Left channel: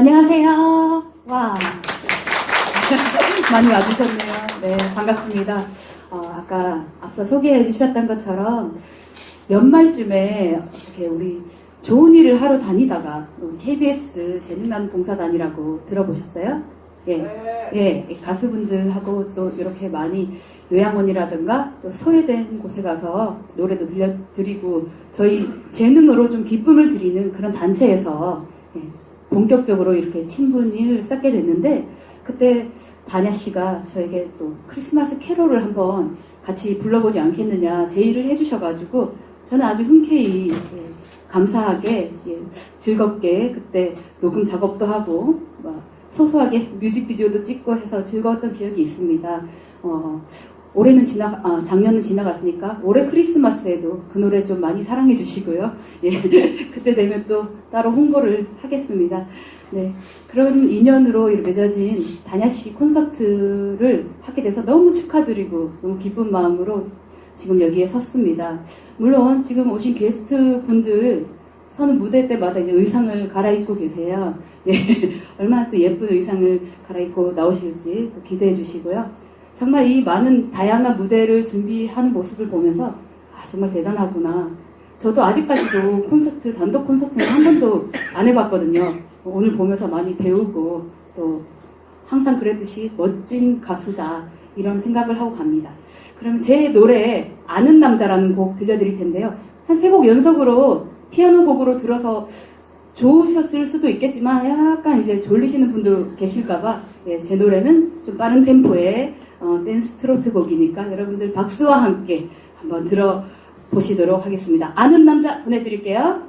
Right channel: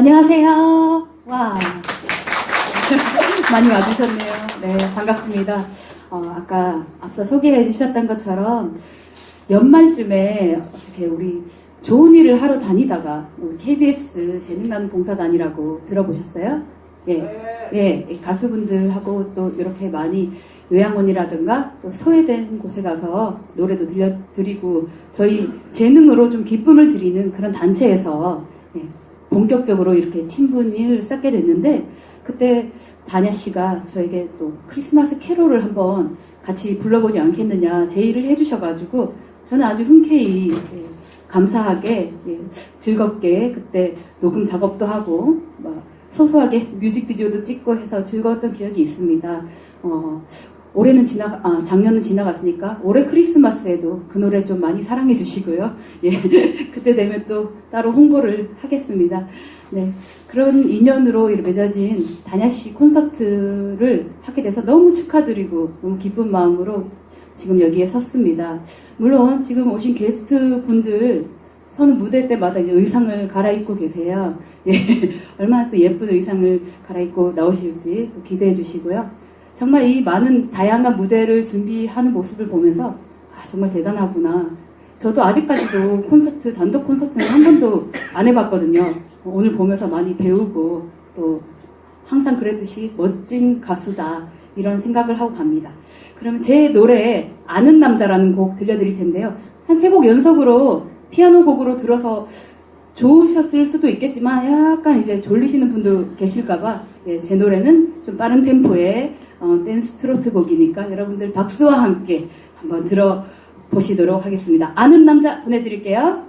안녕하세요. 와. 많이 와주셨네요. 네, 반갑습니다. 어, 아까 앞서 소개해 주셨던 것처럼 연말쯤에 어떻게 우리 좋은 일을 하러 다니다가 뭐 KBS 재능나는 봉사단이라고 들어보셨어요? 예, 예, 가수분들하고 또 이렇게 많이 요양원이라든가 또 소외된 곳에 가서 노래도 들려드리고 저희 재능으로 좀 기쁨을 드리는 그런 단체에서 예, 본격적으로 이렇게 친분을 쌓게 됐는데 그때 다냐 씨가 저에게 또 크리스마스 캐롤을 한번 같이 불러보지 않겠느냐 제의를 해주셔가지고 저는 아주 흔쾌히 예, 감사하게 예, 즐겁게 그때 녹음 작업도 하고 막 소소하게 뮤직비디오도 찍고 해서 즐거웠던 기억이 있습니다. 어, 올해는 지나, 아, 작년은 지나갔으니까 올해 크리스마스에도 그 노래 좀 많이 사랑해 주시고요. 예, 그때 되면 또 따로 홍보를 하겠습니다. 네, 그런 인연으로 맺어진 다냐 씨 콘서트를 하게 돼서 너무 축하드리고 너무 기쁜 마음으로 지금 여기에 섰습니다. 물론 지금 오신 게스트 분들 서는 무대 때마다 이제 의상을 갈아입고 계세요. 예, 얼마나 또 예쁜 의상을 갈아입고 나오실지 또 기대해 주시고요. 정말 이 많은 다양한 무대를 준비하는 모습을 보면서 아, 정말 대단하구나. 저도 아직까지도 콘서트, 단독 콘서트는 한 번도 안 해봤거든요. 오늘 보면서 많이 배우고 또 항상 그랬듯이 멋진 가수다 이런 생각을 하고 갑니다. 그러면 제 노래 아는 남자라는 곡 들려드릴 텐데요. 한 세 곡 연속으로 피아노 곡으로 들어서 좋으셨을 수도 있겠지만 약간 이제 졸리시는 분도 계실까봐 예, 제 노래는 좀 빠른 템포의 어, 댄스 트로트 곡이니까 여러분들 박수와 함께 한번 들어보시도록 하겠습니다. 아는 남자 보내드릴게요.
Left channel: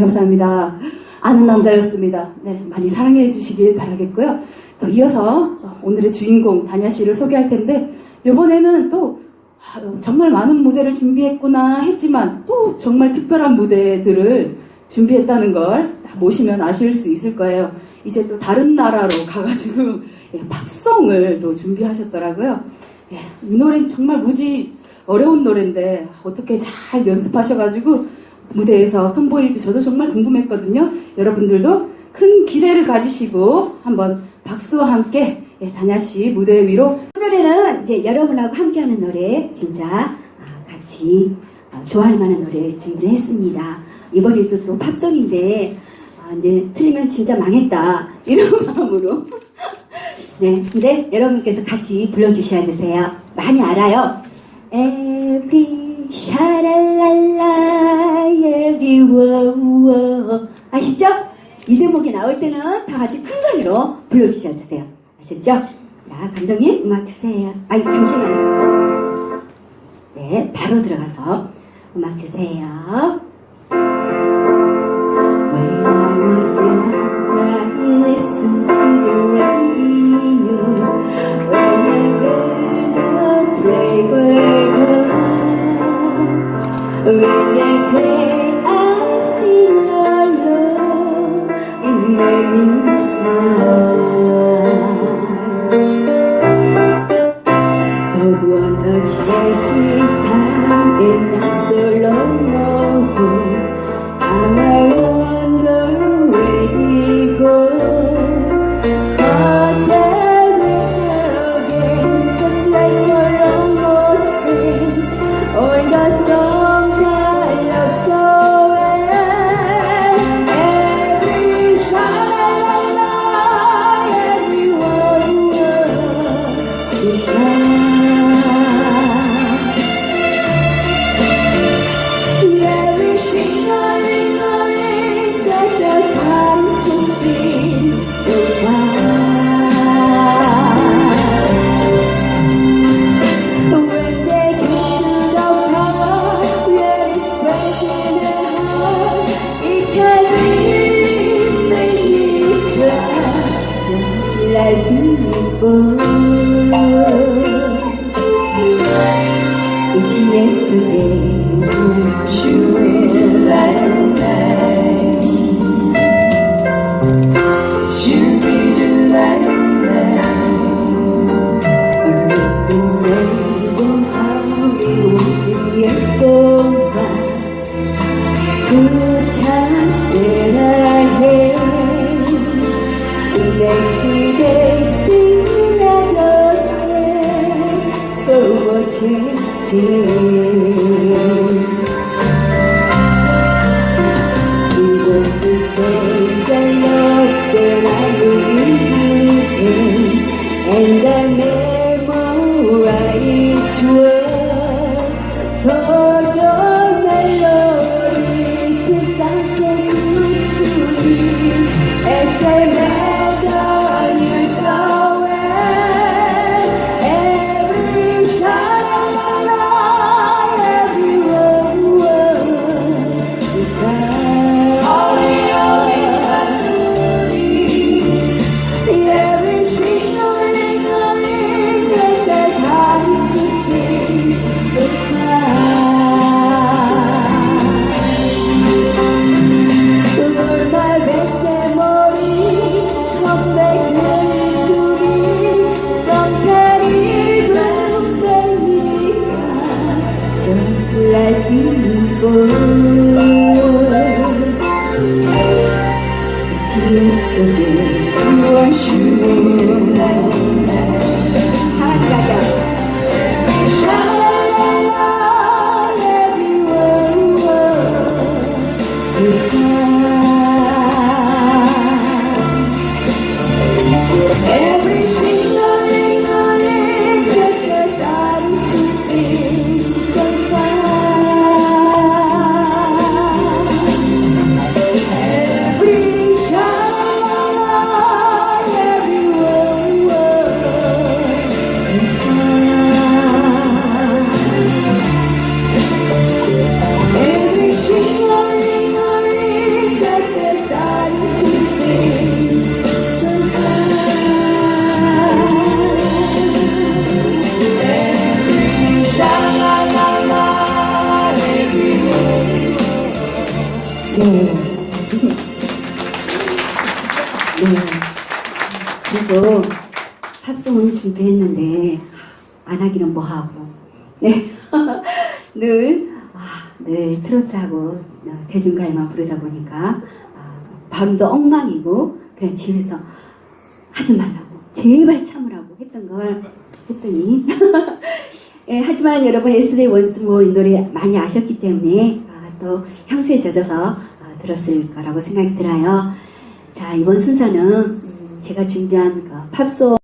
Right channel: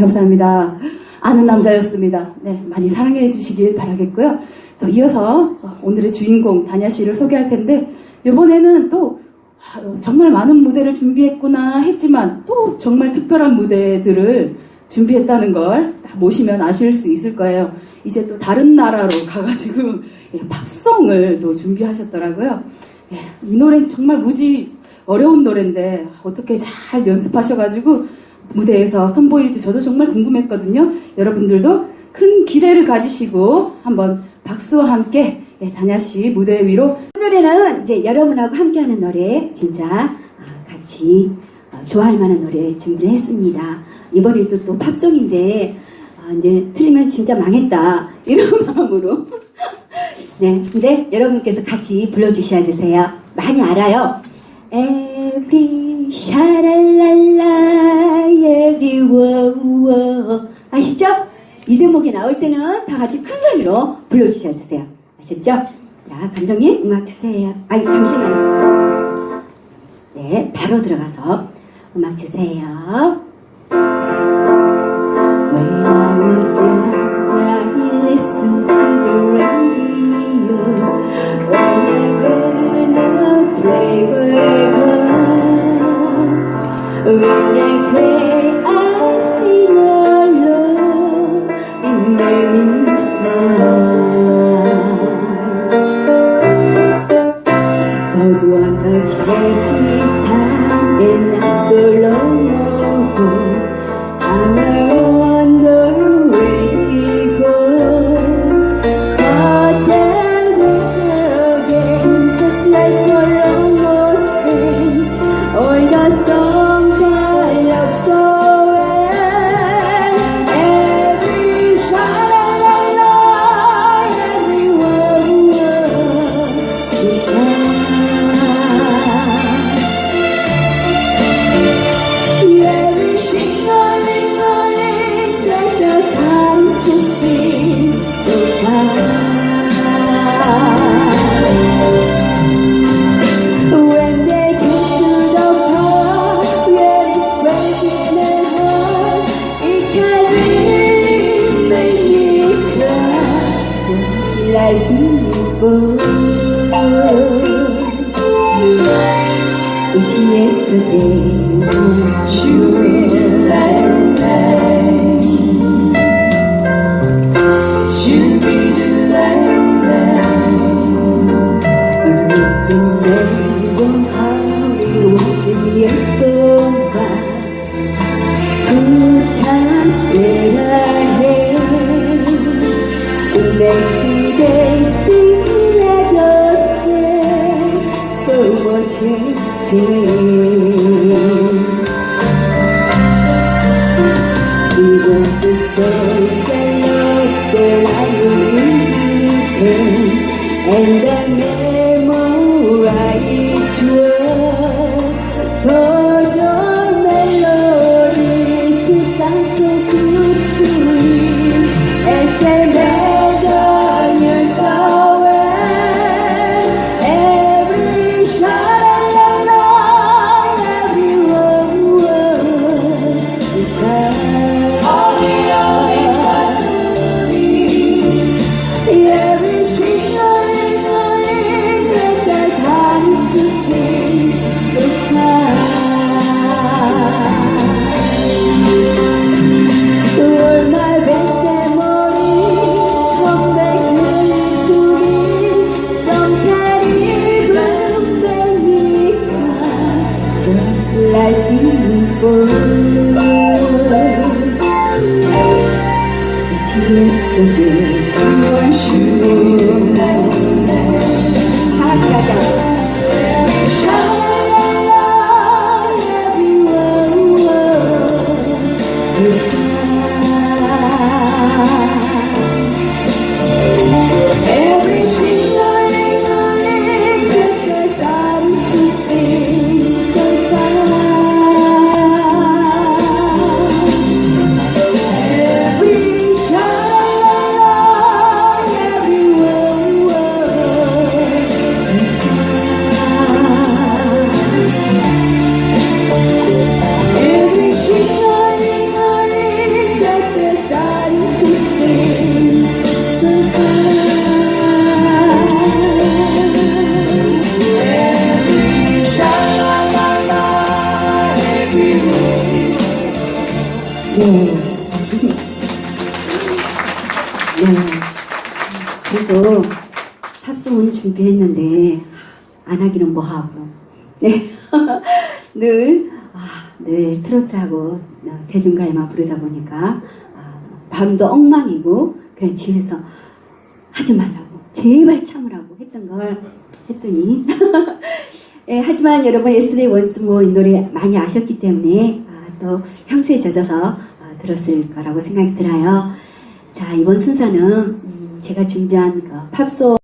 네, 감사합니다. 아는 남자였습니다. 네, 많이 사랑해 주시길 바라겠고요. 또 이어서 오늘의 주인공 다냐 씨를 소개할 텐데 이번에는 또 아, 정말 많은 무대를 준비했구나 했지만 또 정말 특별한 무대들을 준비했다는 걸 모시면 아실 수 있을 거예요. 이제 또 다른 나라로 가가지고 예, 팝송을 또 준비하셨더라고요. 예, 이 노래는 정말 무지 어려운 노래인데 어떻게 잘 연습하셔가지고 무대에서 선보일지 저도 정말 궁금했거든요. 여러분들도 큰 기대를 가지시고 한번 박수와 함께 예, 다냐 씨 무대 위로 오늘은 이제 여러분하고 함께하는 노래 진짜 아, 같이 어, 좋아할 만한 노래 준비를 했습니다. 이번에도 또 팝송인데 아, 이제 틀리면 진짜 망했다 이런 마음으로 네 근데 여러분께서 같이 불러주셔야 되세요. 많이 알아요. Every 샤랄랄라 every 워워 아시죠? 이 대목이 나올 때는 다 같이 큰 소리로 불러주셔야 되세요. 아셨죠? 자, 감독님 음악 주세요. 아니 잠시만요. 네, 바로 들어가서 음악 주세요. It's yesterday, it's you will ที่เธอจะสนใจโละรักอยู่นี้เอง and I never right to 네. 네. 그리고 팝송은 준비했는데 안 하기는 뭐하고 네. 늘, 아, 늘 트로트하고 어, 대중가요만 부르다 보니까 아, 밤도 엉망이고 그냥 집에서 하지 말라고 제발 참으라고 했던 걸 했더니 예, 하지만 여러분 예스데이 원스모 이 노래 많이 아셨기 때문에 아, 또 향수에 젖어서 아, 들었을 거라고 생각이 들어요. 자 이번 순서는 음, 제가 준비한 그 팝송